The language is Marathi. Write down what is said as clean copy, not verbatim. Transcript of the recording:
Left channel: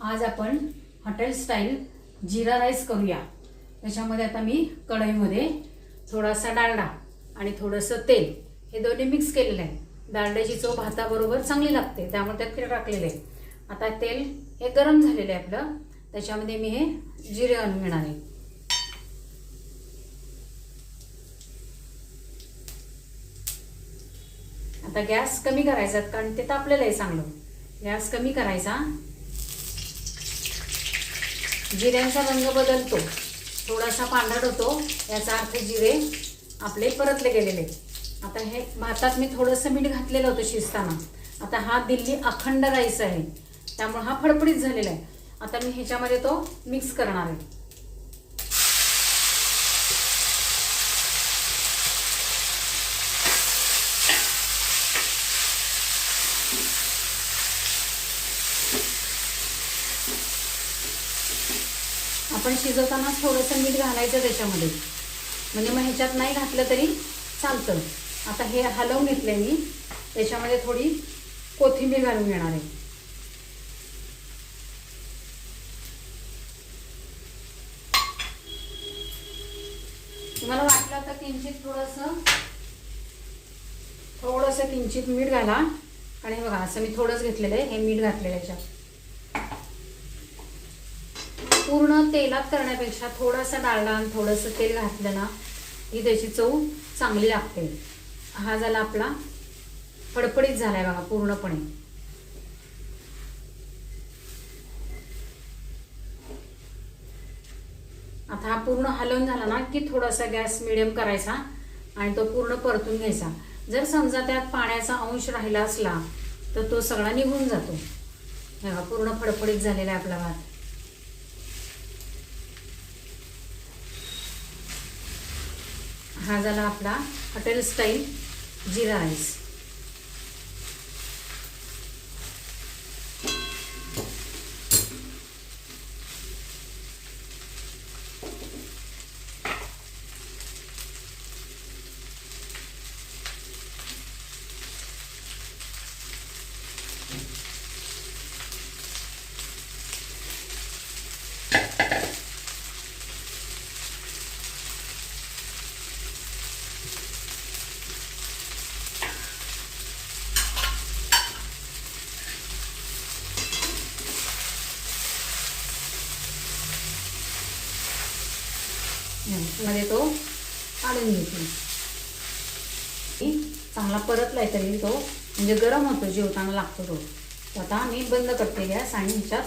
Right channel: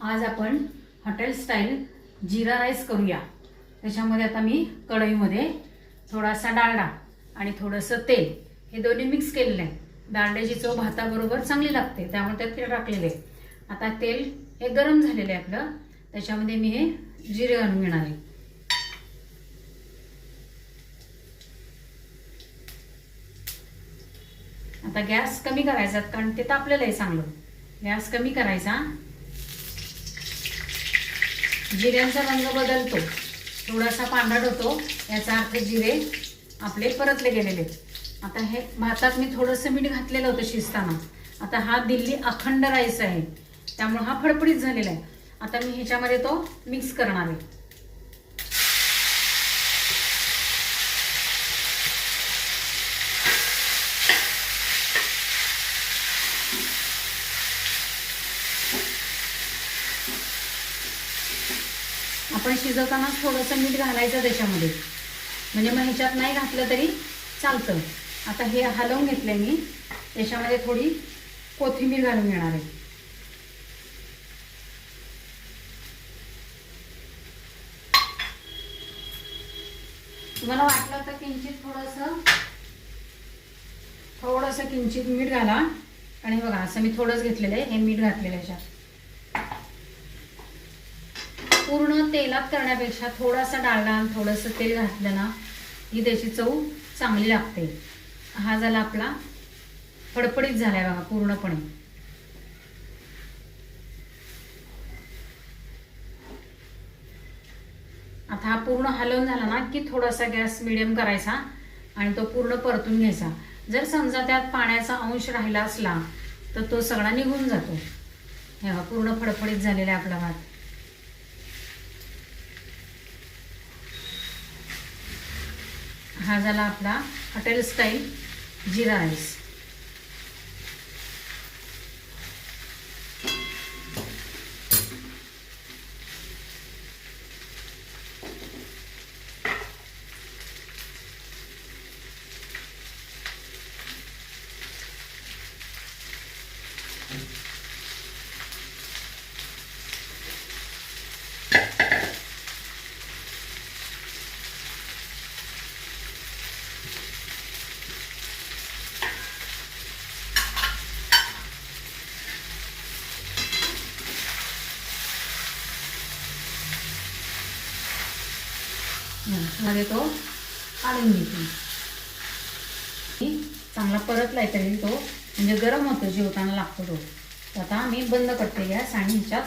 आज आपण हॉटेल स्टाईल जीरा राईस करूया। त्याच्यामध्ये आता मी कढईमध्ये थोडासा डालडा आणि थोडंसं तेल हे दोन्ही मिक्स केलेलं आहे। डालड्याची चव भाताबरोबर चांगली लागते, त्यामुळे त्यात तेल टाकलेले आहे। आता तेल हे गरम झालेलं आहे आपलं, त्याच्यामध्ये मी हे जिरे घालून घेणार आहे। आता गॅस कमी करायचा, कारण ते तापलेलं आहे चांगलं। गॅस कमी करायचा। जिऱ्यांचा रंग बदलतो, थोडासा पांढरट होतो, याचा अर्थ जिरे आपले परतले गेलेले। आता हे भातात मी थोडंसं मीठ घातलेलं होतं शिजताना। आता हा दिल्ली अखंड राईस आहे, त्यामुळे हा फडफडीत झालेला आहे। आता मी ह्याच्यामध्ये तो मिक्स करणार आहे। आपण शिजवताना थोडंसं मीठ घालायचं त्याच्यामध्ये, म्हणजे मग ह्याच्यात नाही घातलं तरी चालतं। आता हे हलवून घेतलंय मी, त्याच्यामध्ये थोडी कोथिंबीर घालून घेणार आहे। तुम्हाला वाटलं तर किंचित थोडंसं किंचित मीठ घाला। आणि हे बघा, असं मी थोडंच घेतलेलं आहे, हे मीठ घातलेलं आहे याच्यात। पूर्ण तेलात करण्यापेक्षा थोडासा डालडा आणि थोडंसं तेल घातलं ना ही त्याची चव चांगली लागते। हा झाला आपला फडफडीत झालाय बघा पूर्णपणे। आता हा पूर्ण हलवून झाला ना की थोडासा गॅस मिडियम करायचा आणि तो पूर्ण परतून घ्यायचा। जर समजा त्यात पाण्याचा अंश राहिला असला तर तो सगळा निघून जातो। हे बघा, पूर्ण फडफडीत झालेला आहे आपला भात। हा झाला आपला हॉटेल स्टाईल जीरा राईस। मध्ये तो काढून घेते। चांगला परतलाय तरी तो म्हणजे गरम होतो, जेवताना लागतो तो। आता मी बंद करते गॅस आणि ह्याच्यात